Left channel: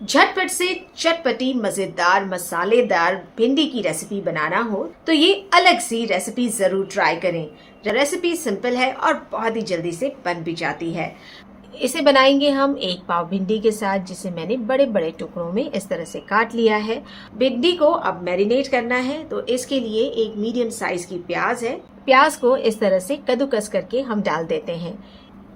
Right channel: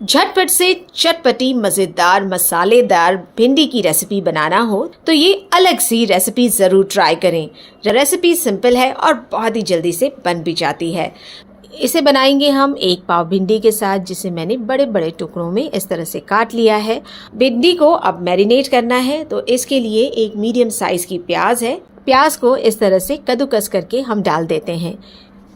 झटपट से चटपटी मजेदार मसालेदार भिंडी की रेसिपी बनाना हो तो ये अलग सी रेसिपी जरूर ट्राई करें। रेसिपी सिंपल है और बहुत ही जल्दी से बन भी जाती है। इसे बनाएंगे हम 1 पाव भिंडी के साथ, जिसे मैंने बड़े बड़े टुकड़ों में इस तरह से काट लिया है। भिंडी को अब मैरिनेट करना है, तो इसके लिए एक मीडियम साइज की प्याज है। प्याज को इस तरह से कद्दूकस करके हम डाल देते हैं।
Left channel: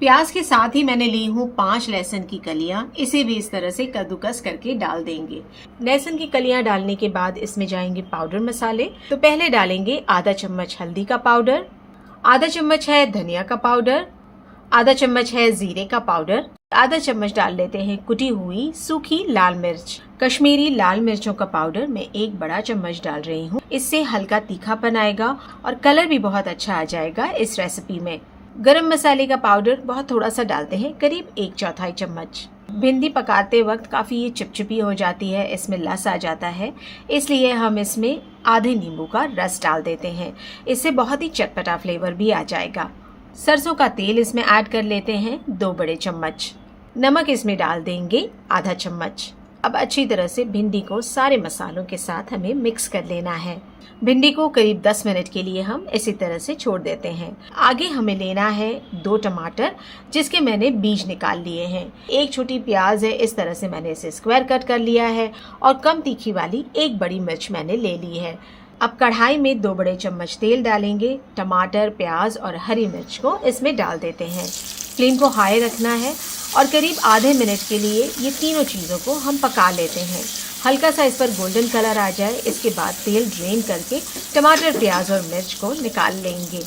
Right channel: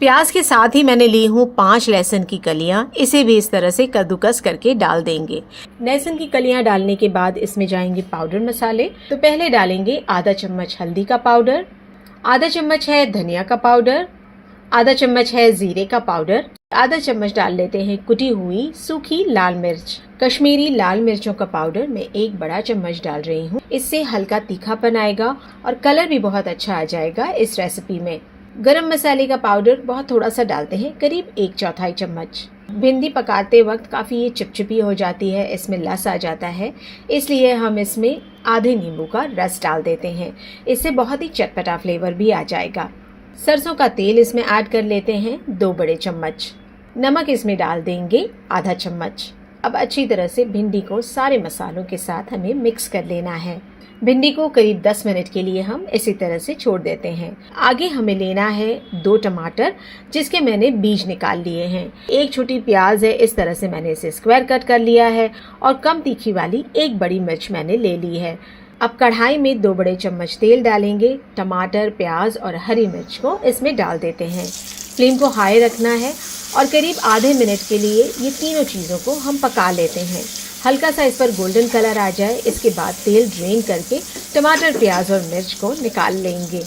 प्याज के साथ ही मैंने ली हूँ 5 लहसुन की कलियां, इसे भी इस तरह से कद्दूकस करके डाल देंगे। लहसुन की कलियां डालने के बाद इसमें जाएंगे पाउडर मसाले। तो पहले डालेंगे आधा चम्मच हल्दी का पाउडर, आधा चम्मच है धनिया का पाउडर, आधा चम्मच है जीरे का पाउडर, आधा चम्मच डाल लेते हैं कुटी हुई सूखी लाल मिर्च। कश्मीरी लाल मिर्चों का पाउडर मैं 1 बड़ा चम्मच डाल रही हूँ। इससे हल्का तीखापन आएगा और कलर भी बहुत अच्छा आ जाएगा इस रेसिपी में। गरम मसाले का पाउडर बहुत थोड़ा सा डालते हैं, करीब 1/4 चम्मच। भिंडी पकाते वक्त काफी ये चिपचिपी हो जाती है, इसमें लस आ जाता है, इसलिए हम इसमें आधे नींबू का रस डाल देते हैं। इससे बहुत ही चटपटा फ्लेवर भी आ जाएगा। सरसों का तेल इसमें ऐड कर लेते हैं 2 बड़े चम्मच। नमक इसमें डाल देंगे आधा चम्मच। अब अच्छी तरह से भिंडी को सारे मसालों के साथ हमें मिक्स कर लेना है। भिंडी को करीब 10 मिनट के लिए हम इसी तरह से छोड़ देते हैं। आगे हमें लेना है 2 टमाटर, जिसके मैंने बीज निकाल लिए हैं। 1 छोटी प्याज है, इस तरह से मैंने इसे स्क्वायर कट कर लिया है। और कम तीखी वाली 1 बड़ी मिर्च मैंने ले ली है। अब कढ़ाई में 2 बड़े चम्मच तेल डालेंगे। टमाटर, प्याज और हरी मिर्च को इसमें डाल देते हैं। फ्लेम को हाई रखना है और करीब आधे मिनट के लिए ये तीनों चीज़ों को हम पका लेते हैं। हल्का सा इस पर गोल्डन कलर आ जाए, इसके बाद तेल ड्रेन करके टमाटर, प्याज और मिर्च को निकाल लेंगे।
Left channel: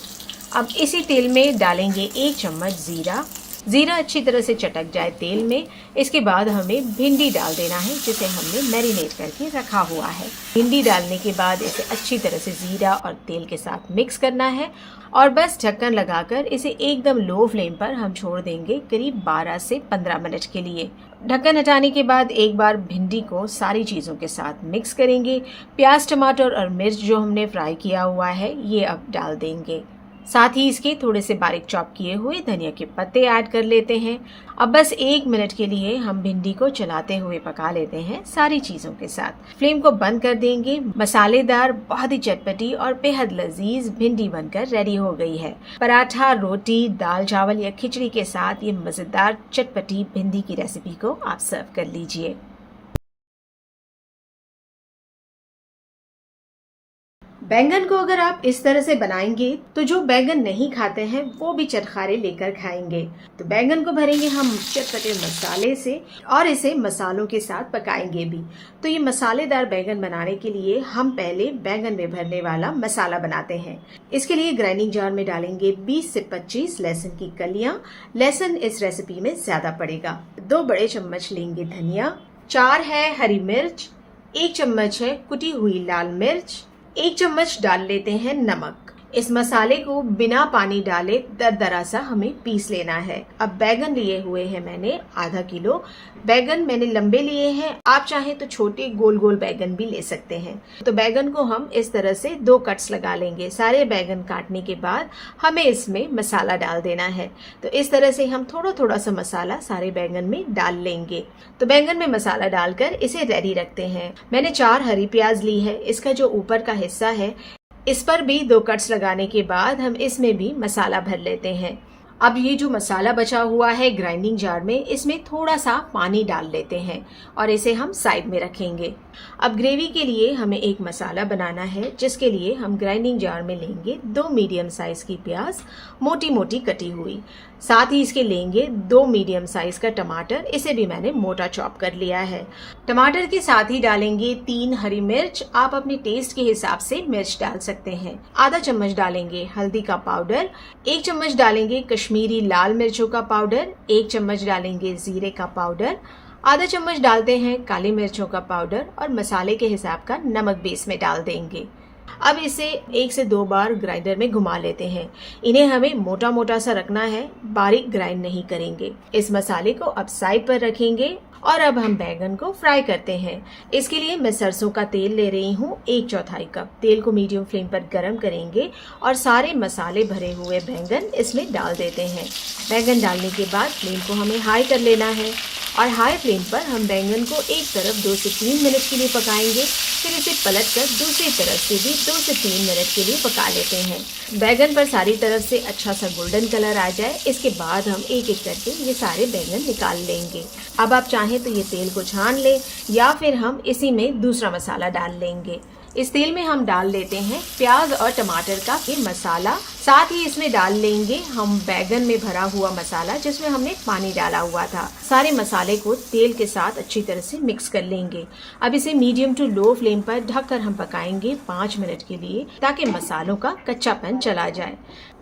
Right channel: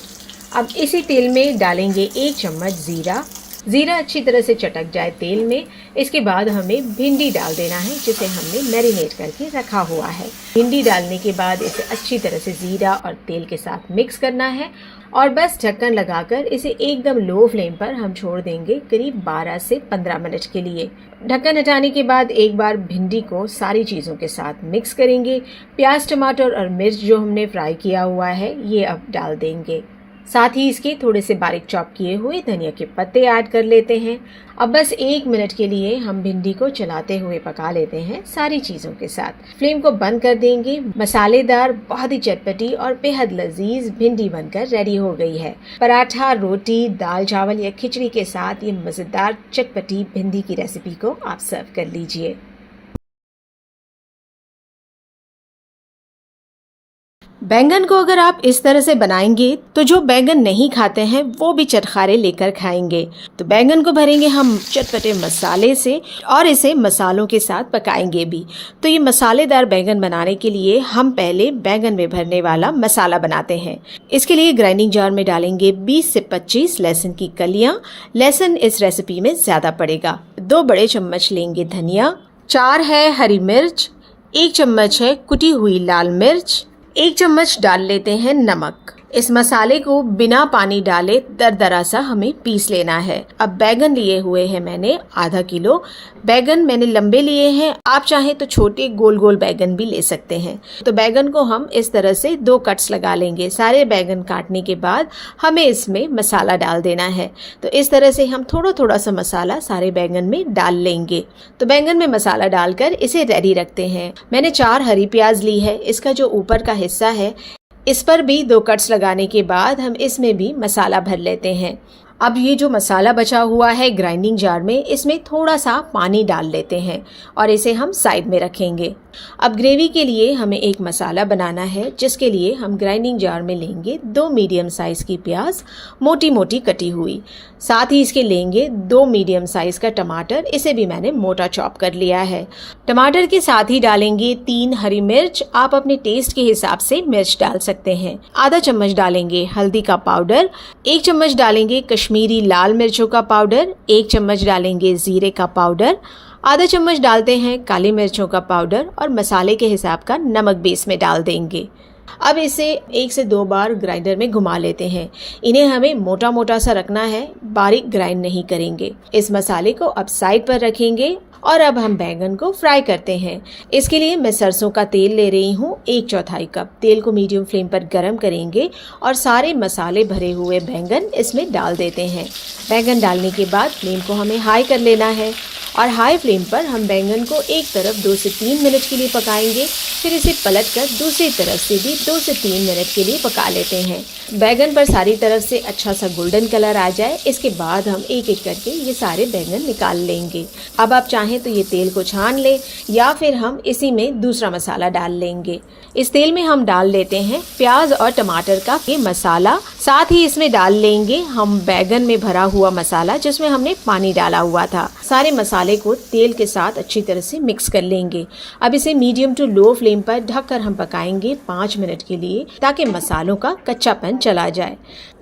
अब इसी तेल में डालेंगे 1 चम्मच जीरा। जीरा अच्छी तरह से चटक जाए तेल में, इसके बाद हमें भिंडी डाल देना है, जिसे हमने मैरिनेट करके रखा हुआ है। भिंडी डालने के बाद इसे अच्छी तरह से जीरा और तेल के साथ मिक्स करना है और बस ढक्कन लगाकर इसे एकदम लो फ्लेम पर हम छोड़ देंगे करीब 12 से 15 मिनट के लिए। ढक्कन हटाने के बाद एक बार भिंडी को सारी चीज़ों के साथ मिक्स करेंगे। प्याज, टमाटर और मिर्च जो हमने फ्राई किया हुआ है ये अब डाल देंगे। साथ ही इसके थोड़े से बारीक चॉप किए हुए धनिया के पत्ते ऐड कर लेते हैं। अब बस 1 मिनट के लिए हम भिंडी को चलाते हुए पका लेते हैं सारी चीज़ों के साथ। फ्लेम को बंद कर देंगे। मसालेदार, बहुत ही चटपटी और बेहद लजीज भिंडी बनकर रेडी हो गई है। पराठा, रोटी, दाल चावल या खिचड़ी के साथ ये मज़ेदार चटपटी भिंडी की रेसिपी को आप सर्व कर लीजिए। बैंगन को अगर आप इस तरह से बनाएंगे तो जो बैंगन नहीं खाते हैं वो भी चटखारे लेकर खाएंगे। तो बैंगन को भरेंगे हम चटपटे मसाले से और इसे मसालों के साथ पकाएंगे भी। तो ये मसालेदार बैंगन बनाने के लिए हम पहले बैंगन में भरने वाला मसाला बनाते हैं। इसके लिए ग्राइंडिंग जार में डालेंगे 20 से 25 लहसुन की कलियां। लहसुन इस रेसिपी में ज्यादा पड़ेगा। 2 बड़े चम्मच लेंगे धनिया, 4 है हरी मिर्च, 1 चम्मच है कुटी हुई लाल मिर्च, 1 चम्मच डाल लेते हैं नमक। इस मसाले को बिना पानी डाले दरदरा सा हमें पीस लेना है। अब बैगन लिए हुए हैं मैंने आधा किलो। बैगन मैंने लंबे लिए हैं, आप चाहें तो छोटे गोल गोल बैगन भी ले सकते हैं। तो बैगन को हम इस तरह से 2 कट्स लगा लेंगे। सारे बैगन काटने के बाद हमें इसमें मसाला डाल देना है। तो इस तरह से हम थोड़ा थोड़ा सा मसाला सारे बैगन में डाल लेंगे। तो बैगन में मसाला डालकर इसे रेडी रखते हैं। मैंने 4 हरी प्याज ली है। इसका जो ऊपर का हिस्सा है इस पर भी 2 कट्स लगाने के बाद हम इसमें भी मसाला भर लेते हैं। अब ये जो मसाला बचा हुआ है ग्राइंडिंग जार में, इसमें थोड़ा सा पानी डाल लेते हैं और इसे हम साइड में रखेंगे। अब ग्रेवी के लिए हमें एक मसाला बनाना है, जिसके लिए हम ग्राइंडिंग जार में लेंगे 2 मीडियम साइज की प्याज मोटी मोटी कटी हुई। साथ ही इसके लेंगे 2 मीडियम साइज का टमाटर, इसे भी मैंने मोटा चॉप कर लिया है। टमाटर के साथ ही डालेंगे 3 हरी मिर्च, आप अपने टेस्ट के हिसाब से मिर्च डाल सकते हैं। आधा चम्मच डालेंगे हल्दी का पाउडर, 1 चम्मच डालेंगे कश्मीरी लाल मिर्चों का पाउडर, 1 चम्मच डालेंगे जीरे का पाउडर, आधा चम्मच डालते हैं काली मिर्चों का पाउडर और मसाले के हिसाब का नमक भी इसमें डाल देंगे। अब इसे 1 से 2 बार ग्राइंडर में घुमा लेते हैं। इन्हें हमें मोटा मोटा सा रखना है, बारीक ग्राइंड नहीं करेंगे। इस मसाले को अब साइड पर रखेंगे और अब हम बैंगन को फ्राई करते हैं। इसके लिए मैं सरसों का तेल ले रही हूँ 1/4 कप। तेल को मीडियम फ्लेम पर गरम करेंगे और सारे मसाले भरे हुए बैंगन इसमें डाल देते हैं। बैंगन डालने के बाद फ्लेम को हमें हाई कर लेना है और हाई फ्लेम पर हम बैंगन को एक तरफ 2 से 3 मिनट के लिए पकाएंगे। फिर इसे पलटकर दूसरी तरफ से भी 2 से 3 मिनट के लिए पका लेते हैं। बैंगन पर सारी तरफ से अच्छा सा गोल्डन कलर आ जाए, इसके बाद हम एक एक करके ये सारे बैंगन निकाल लेंगे। अब आप चाहें तो ये तेल को छान लें या फिर हम इसी में दूसरा मसाला डाल लेंगे। इस तेल में हम डाल लेते हैं प्याज और टमाटर का ये मसाला, साथ ही इसमें डाल लेंगे हम बैंगन में भरा हुआ मसाला जिसमें हमने पानी डाला हुआ था। सारे मसाले को तेल के साथ अच्छी तरह से मिक्स कर लेंगे। अब इसे मीडियम टू लो फ्लेम पर ढककर हम पकाएंगे 5 मिनट के लिए, ताकि मसालों का कच्चापन चला जाए।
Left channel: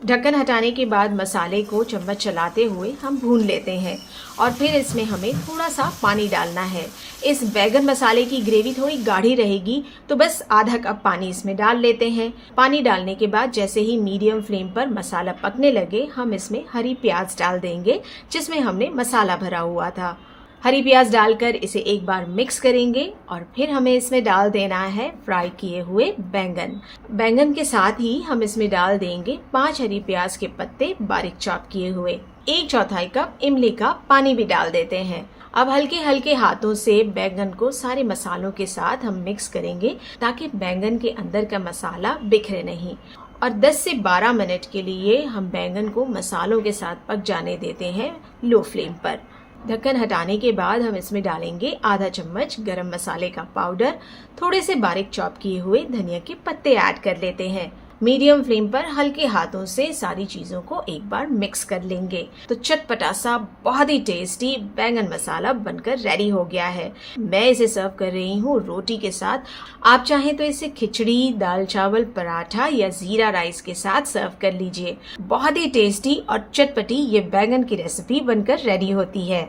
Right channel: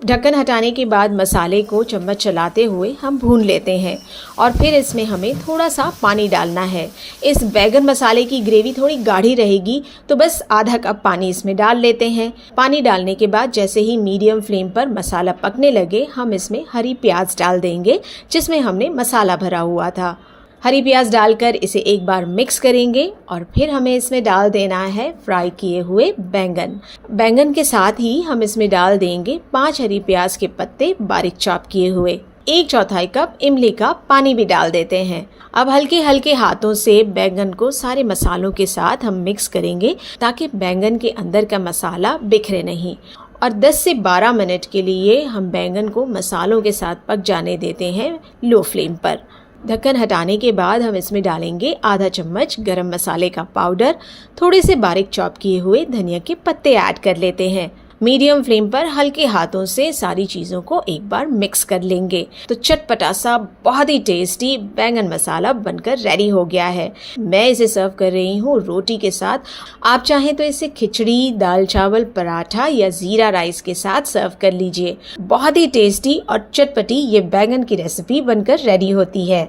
ढक्कन हटाने के बाद मसाले को चम्मच चलाते हुए हम भून लेते हैं और फिर इसमें हमें थोड़ा सा पानी डालना है। इस बैंगन मसाले की ग्रेवी थोड़ी गाढ़ी रहेगी, तो बस आधा कप पानी इसमें डाल लेते हैं। पानी डालने के बाद जैसे ही मीडियम फ्लेम पर मसाला पकने लगे, हम इसमें हरी प्याज डाल देंगे जिसमें हमने मसाला भरा हुआ था। हरी प्याज डालकर इसे एक बार मिक्स करेंगे और फिर हमें इसमें डाल देना है फ्राई किए हुए बैंगन। बैंगन के साथ ही हम इसमें डाल देंगे 5 हरी प्याज के पत्ते बारीक चॉप किए हुए। 1/4 कप इमली का पानी भी डाल देते हैं। अब हल्के हल्के हाथों से बैंगन को सारे मसालों के साथ हम मिक्स करेंगे, ताकि बैंगन के अंदर का मसाला बिखरे नहीं। और 10 से 12 मिनट के लिए हम बैंगन को मसालों के साथ पक जाने देते हैं लो फ्लेम पर। ढक्कन हटाने के बाद हम इसमें डालेंगे आधा चम्मच गरम मसाले का पाउडर, थोड़े से बारीक चॉप किए हुए धनिया के पत्ते ऐड कर लेते हैं। मीडियम फ्लेम पर हल्के हाथों से सारी चीज़ों को एक बार मिक्स कर लेंगे। तो चटपटा सा बहुत ही टेस्टी बैंगन मसाला बनकर रेडी हो गया है। मैं इसे सर्व कर रही हूँ रोटी के साथ। आप चाहें तो इसे खिचड़ी, दाल चावल, पराठा या जीरा राइस के साथ सर्व कर लीजिए। बहुत ही टेस्टी और चटपटी ये बैंगन की रेसिपी बनकर रेडी होती है।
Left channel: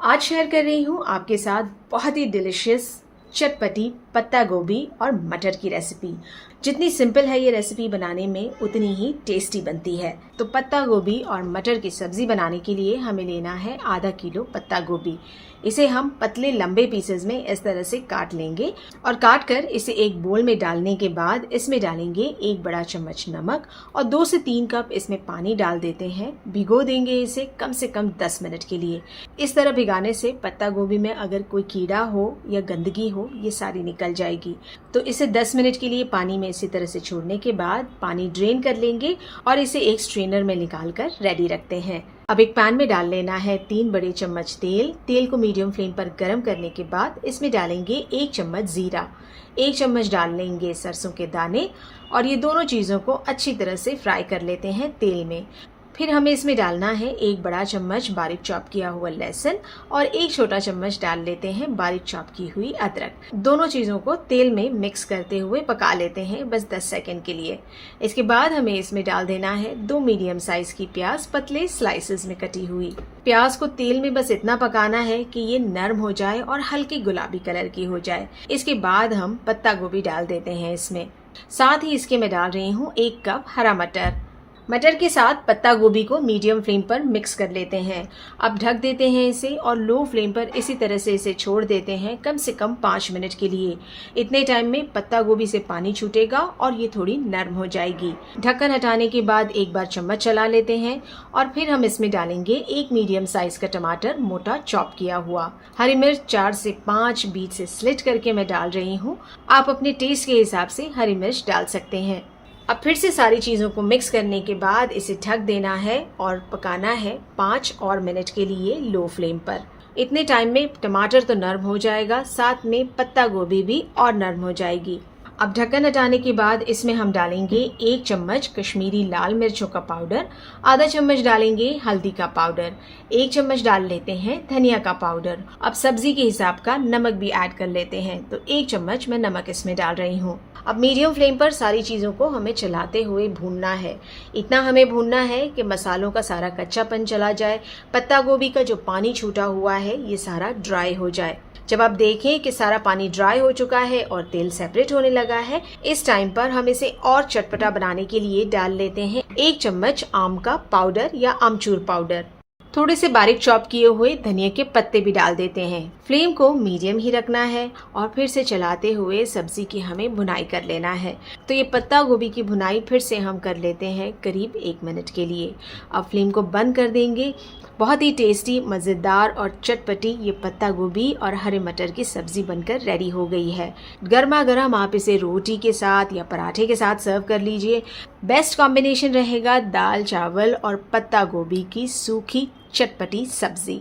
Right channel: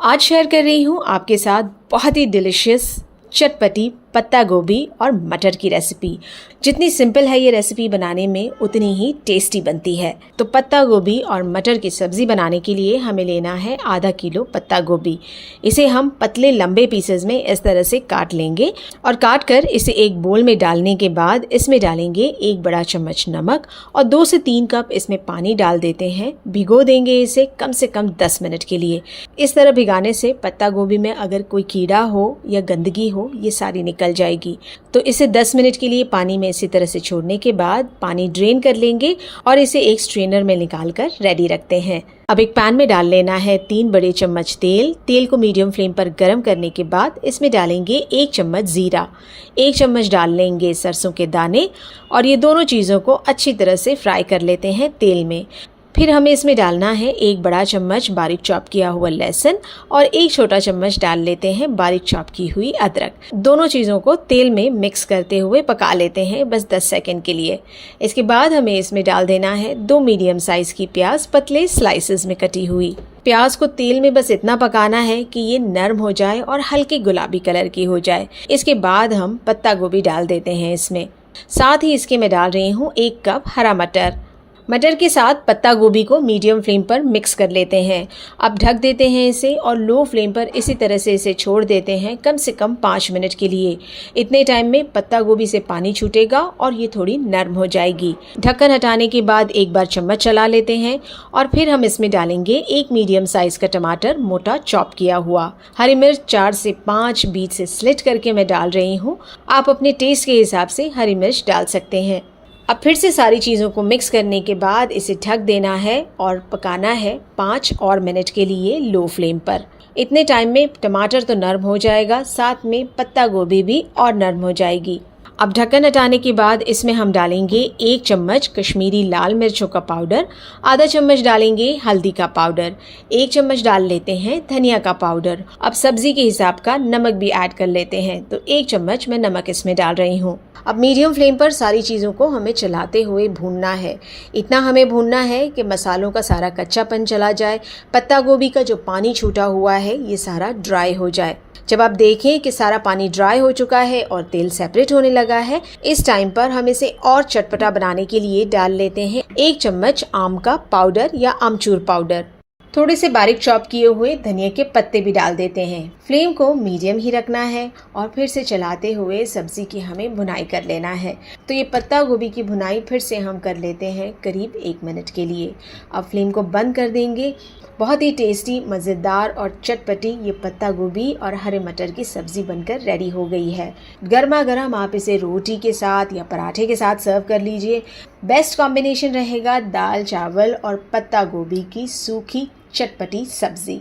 आज शेयर कर रही हूँ आपके साथ बहुत ही डिलिशियस चटपटी पत्ता गोभी और मटर की रेसिपी। जितनी सिंपल है ये रेसिपी बनाने में, उतनी ही टेस्टी बनती है। तो पत्ता गोभी और मटर की सब्जी बनाने के लिए हमें लेना है आधा किलो पत्ता गोभी। इसे हम पतले लंबे पीसेस में इस तरह से काट लेंगे और काट कर इसे एक बोल में डालने के बाद इसमें डालेंगे 1 बड़ा चम्मच नमक और 2 से 3 कप इसमें पानी डाल देते हैं। भिगो देंगे इसे कम से कम 10 मिनट के लिए। इस तरह भिगाने से पत्ता गोभी में अगर कोई कीड़ा हो या गंदगी हो, ये सारी निकल जाएगी। तो इसे 10 मिनट के लिए पानी में इसी तरह से छोड़ने के बाद पानी ड्रेन कर लेंगे और इसे एक स्ट्रेनर में निकाल कर रेडी रखते हैं। अब एक पैन में डाल लेना है 3 बड़े चम्मच तेल। तेल को मीडियम फ्लेम पर गर्म करने के बाद इसमें डालेंगे 1 चम्मच जीरा, 1 चम्मच डाल लेंगे सरसों के दाने और ये दोनों चीज़ों को अच्छी तरह से फ्राई कर लेते हैं तेल में। फिर हमें इसमें डालना है 1 बड़ा चम्मच बारीक चॉप किया हुआ लहसुन और 1 छोटा चम्मच डाल लेते हैं बारीक चॉप की हुई अदरक। दोनों चीज़ों को तेल में मिक्स करते हुए पका लेते हैं बस 10 सेकंड के लिए। इसके बाद हमें इसमें डाल देना है 2 मीडियम साइज की प्याज पतले स्लाइसेस में कटी हुई। प्याज को तेल में बस इतना पकाना है कि ये नरम हो जाए और हल्के गुलाबी कलर की हो जाए। इसके बाद हम पत्ता गोभी डाल देते हैं इसमें। साथ ही इसके मैं डाल रही हूँ 1 कप हरा मटर। मटर के साथ पत्ता गोभी को मीडियम फ्लेम पर मिक्स कर लेते हैं। अब ढक देते हैं इसे और लो फ्लेम पर इसी तरह से इसे छोड़ देते हैं कम से कम 5 मिनट के लिए। इतने टाइम में पत्ता गोभी से पानी छूटेगा और ये थोड़ी नरम हो जाएगी। ढक्कन हटाने के बाद एक बार चम्मच चला लेते हैं और फिर हम इसमें डालेंगे 1 मीडियम साइज का टमाटर मोटा चॉप किया हुआ। हरी मिर्च 4 से 5 बीच से स्लिट करके मैं डाल रही हूँ। आप अपने टेस्ट के हिसाब से हरी मिर्च डाल सकते हैं। अब फिर से सारी चीज़ों को मिक्स करने के बाद इसे ढक देना है और पकाना है 5 और मिनट के लिए लो फ्लेम पर। इतने टाइम में टमाटर तो नरम हो जाएगा, साथ में पत्ता गोभी भी और नरम हो जाएगी। अब ढक्कन हटाने के बाद इसमें हम डालेंगे 1 चम्मच कश्मीरी लाल मिर्चों का पाउडर, आधा चम्मच डालेंगे हल्दी का पाउडर, 1 चम्मच डाल लेते हैं धनिया का पाउडर। अब सब्जी के हिसाब का नमक भी ऐड कर लेते हैं, तो 1 चम्मच मैं नमक इसमें डाल रही हूँ। अब मीडियम फ्लेम पर सारी चीज़ों को हमें चलाते हुए भूनना है। इतना हमें भूनना है कि मसालों का सारा कच्चापन चला जाए, पत्ता गोभी का जो पानी छूटा हुआ है ये सारा ड्राई हो जाए। जब आप देखें कि सारा पानी ड्राई हो चुका है और तेल सेपरेट होने लगा है, इस टाइम पर हम इसे और चटपटा बनाने के लिए डाल लेते हैं 1 चम्मच आम का पाउडर या आमचूर पाउडर। थोड़े से बारीक चॉप किए हुए धनिया के पत्ते भी डाल देते हैं। फ्लेम को मीडियम ही रखना है और फिर से चलाते हुए सब्जी की हमें भुनाई कर लेना है। तो ये पत्ता गोभी की भुनाई फिर से हम कर लेते हैं करीब 1 मिनट के लिए। अब फ्लेम को बंद कर देंगे। बहुत ही टेस्टी, मज़ेदार और चटपटी ये पत्ता गोभी और हरे मटर की सब्ज़ी बनकर रेडी हो गई है। गर्मा गर्म आप इसे रोटी के साथ या पराठे के साथ सर्व कर लीजिए। बेस्ट कॉम्बिनेशन रहेगा दाल चावल और पत्ता गोभी की सूखी चटपटी सब्ज़ी।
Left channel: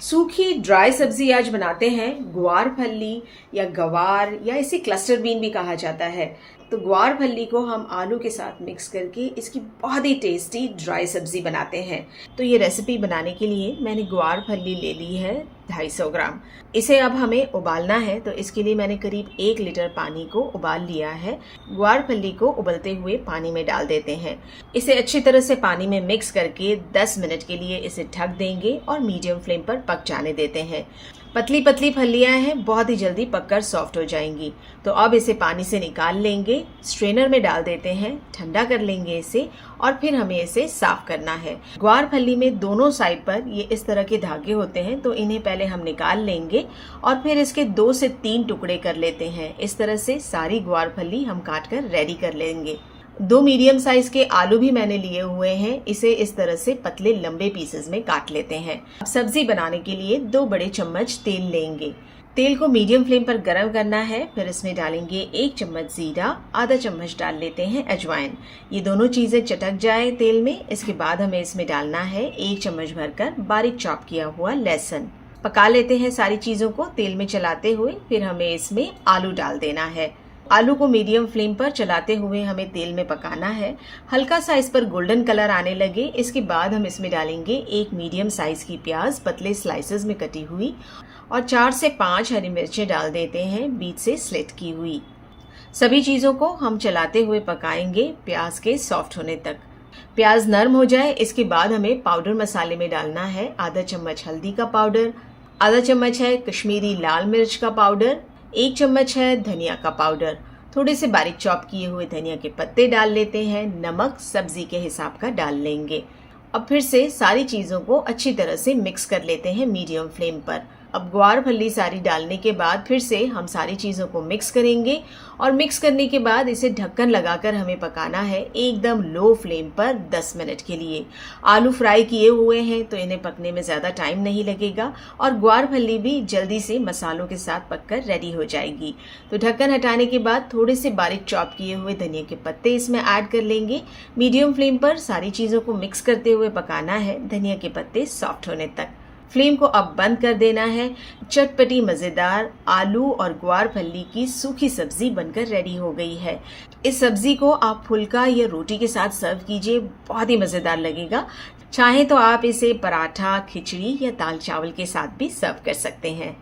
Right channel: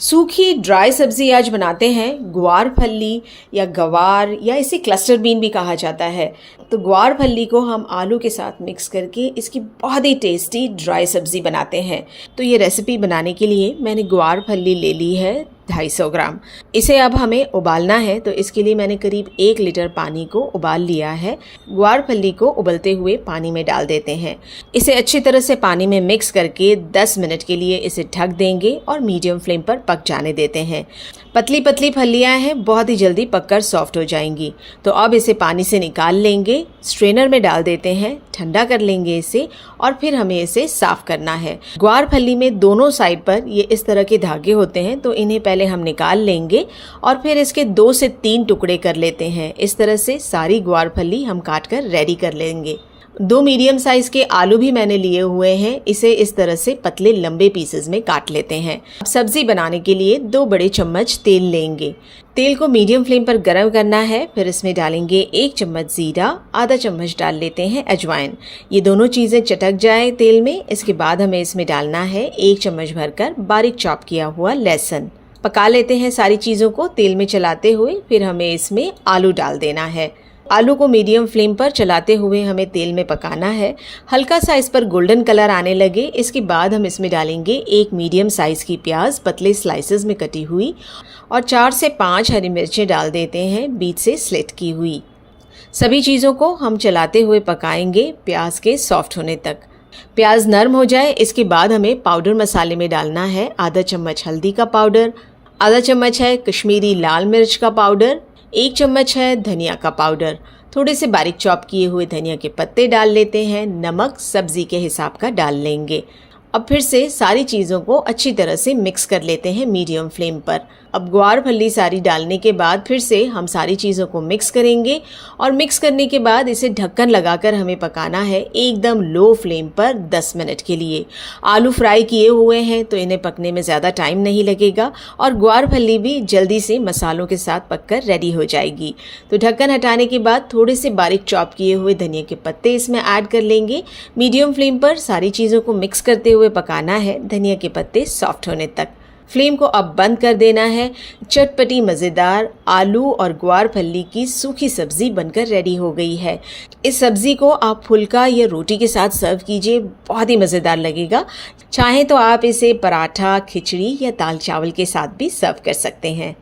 सूखी ड्राई सब्जी आज बनाते हैं ग्वार फली या गवार या इसे क्लस्टर बीन भी कहा जाता है। तो ग्वार फली को हम आलू के साथ मिक्स करके इसकी बहुत ही टेस्टी ड्राई सब्जी बनाते हैं। तो ये रेसिपी बनाने के लिए मैंने ग्वार फली ले ली है 250 ग्राम। इसे अब हमें उबालना है, तो इसके लिए मैंने करीब 1 लीटर पानी को उबाल लिया है। ग्वार फली को उबलते हुए पानी में डाल देते हैं। इसे अच्छी तरह से पानी में मिक्स करके 10 मिनट के लिए इसे ढक देंगे और मीडियम फ्लेम पर पक जाने देते हैं। पतली पतली फलियां हैं, बहुत ही जल्दी पककर सॉफ्ट हो जाएंगी। तो अब इसे पानी से निकाल लेंगे, स्ट्रेनर में डाल देते हैं, ठंडा कर लेंगे इसे और फिर हमें इसे साफ करना है। ग्वार फली में दोनों साइड पर ये इस तरह के धागे होते हैं, तो इन्हें पहले हम निकाल लेंगे और फिर इसके 2 से 3 टुकड़े कर लेते हैं। इस तरह से सारी ग्वार फली हम काट कर रेडी कर लेंगे। 2 मीडियम साइज के आलू भी मैंने लिए हुए हैं। इसे इस तरह से पतले लंबे पीसेस में काट लेते हैं। अब सब्जी बनाने के लिए 2 बड़े चम्मच तेल लेंगे। तेल को मीडियम फ्लेम पर गर्म करना है। फिर इसमें डालेंगे 1 चम्मच जीरा, आधा चम्मच डाल लेते हैं अजवाइन। ये दोनों चीज़ें चटक जाए तेल में। इसके बाद हमें इसमें डालना है 1 चम्मच भरकर बारीक चॉप किया हुआ लहसुन। पका लेते हैं सारी चीज़ों को तेल में चलाते हुए। फिर हमें इसमें आलू डाल देना है। आलू को मीडियम फ्लेम पर चलाते हुए हमें तेल में पकाना है। हल्का सा इस पर गोल्डन कलर आने लगे, इसके बाद हम इसमें डालेंगे 1 मीडियम साइज़ की प्याज पतले स्लाइसेस में कटी हुई और 4 से 5 हरी मिर्चें डाल देते हैं बीच से स्लिट की हुई। सभी चीज़ों को हम चलाते हुए पकाएंगे प्याज के सॉफ्ट होने तक। प्याज नरम हो जाए, इसके बाद हमें पाउडर मसाले में डालना है आधा चम्मच हल्दी का पाउडर, आधा चम्मच है कश्मीरी लाल मिर्च का पाउडर, 1 चम्मच है धनिया का पाउडर, थोड़े से बारीक चॉप किए हुए धनिया के पत्ते डाल लेते हैं। नमक सब्जी के हिसाब का डाल लेंगे। अब फिर से सारी चीज़ों को अच्छी तरह से मिक्स कर लेते हैं मीडियम फ्लेम पर। अब ग्वार फली सारी डालने के बाद फिर से हम सारी चीज़ों को मिक्स करेंगे और मिक्स करने के बाद इसे ढक्कन लगाकर हमें पकाना है एकदम लो फ्लेम पर 10 मिनट के लिए। आलू फ्राई किए हुए हैं तो इन्हें पकने में ज़्यादा टाइम नहीं लगेगा और ग्वार फली भी जल्दी से मसालों के साथ पककर रेडी हो जाएगी। तो ढक्कन हटाने के बाद थोड़े से बारीक चॉप किए हुए धनिया के पत्ते इसमें ऐड कर लेंगे। मीडियम फ्लेम पर सारी चीज़ों को मिक्स करते हुए पकाना है धनिया के पत्ते सॉफ्ट होने तक। फ्लेम को अब बंद कर देना है। चटपटी मज़ेदार आलू और ग्वार फली की सूखी सब्जी बनकर रेडी हो गई है। इस सब्जी को आप फुल्का या रोटी के साथ सर्व कीजिए, बहुत ही मज़ेदार लगेगा। चाहें तो आप इसे पराठा, खिचड़ी या दाल चावल के साथ भी सर्व कर सकते हैं।